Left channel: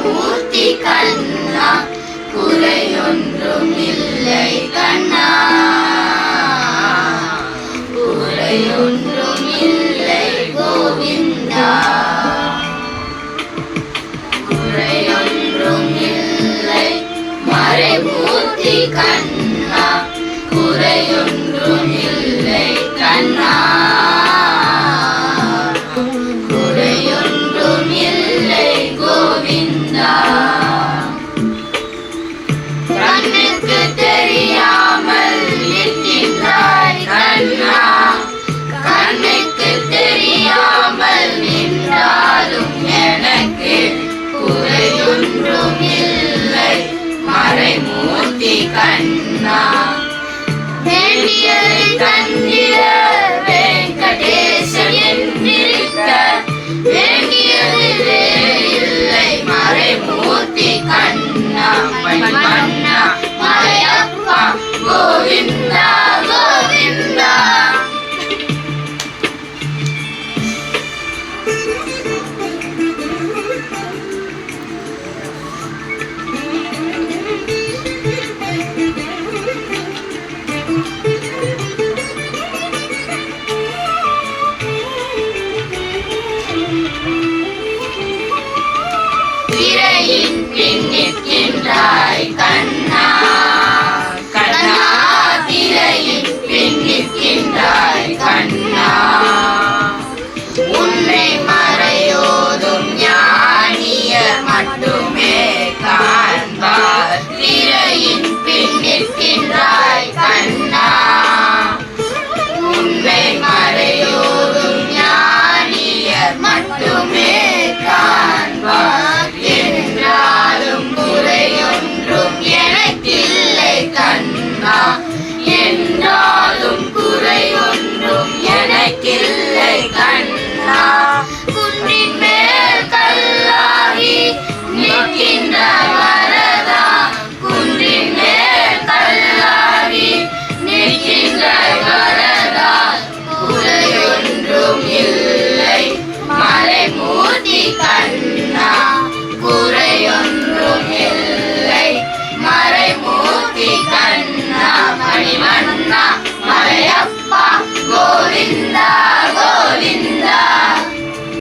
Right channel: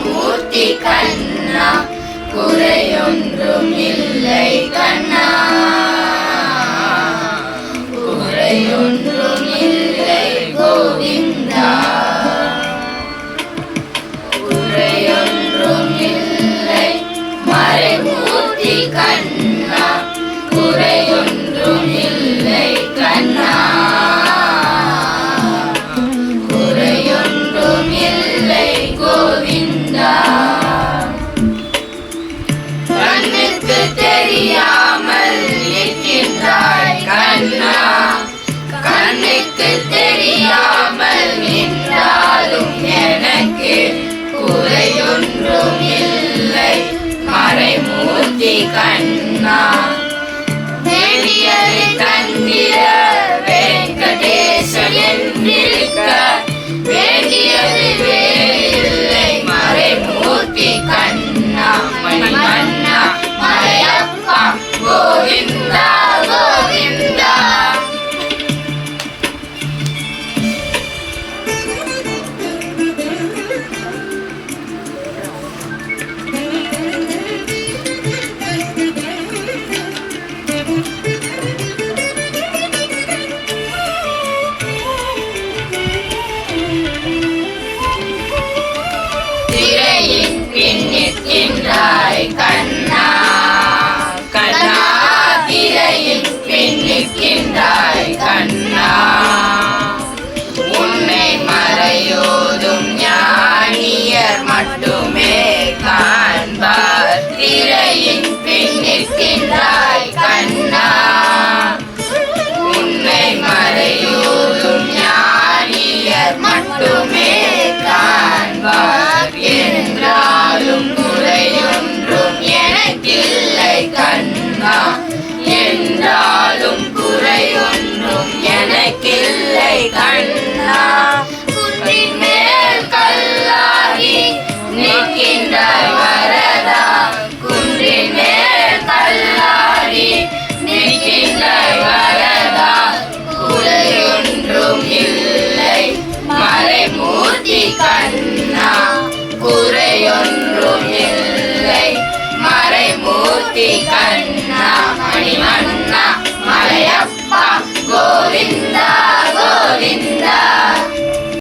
மறைமூர்த்தி கண்ணா குறையொன்றும் இல்லை கண்ணா குறையொன்றும் இல்லை கோவிந்தா குறையொன்றும் இல்லை மறைமூர்த்தி கண்ணா குறையொன்றும் இல்லை கண்ணா குறையொன்றும் இல்லை கோவிந்தா கண்ணுக்கு தெரியாமல் இருக்கின்றாய் கண்ணா கண்ணுக்கு தெரியாமல் நின்றாலும் எனக்கு குறையொன்றும் இல்லை மறைமூர்த்தி கண்ணா வேண்டியதை தந்திர வெங்கடேசன் என்றிருக்க வேண்டியது வேறில்லை மறைமூர்த்தி கண்ணா மணிமன்னா மலையப்பா கோவிந்தா கோவிந்தா திரையின் பின் நிற்கின்றாய் கண்ணா கண்ணா திரையின் பின் நிற்கின்றாய் கண்ணா உன்னை மறையோதும் ஞானியர் மட்டுமே காண்பார் திரையின் பின் நிற்கின்றாய் கண்ணா உன்னை மறையோதும் ஞானியர் மட்டுமே காண்பார் என்றாலும் குறையொன்றும் எனக்கில்லை கண்ணா என்றாலும் குறையொன்றும் எனக்கில்லை கண்ணா குன்றின் மேல் கல்லாகி நிற்கின்றாய் வரதா குன்றின் மேல் கல்லாகி நிற்கின்றாய் வரதா குறையொன்றும் இல்லை மறைமூர்த்தி கண்ணா குறையொன்றும் இல்லை மறைமூர்த்தி கண்ணா மணிமன்னா மலையப்பா கோவிந்தா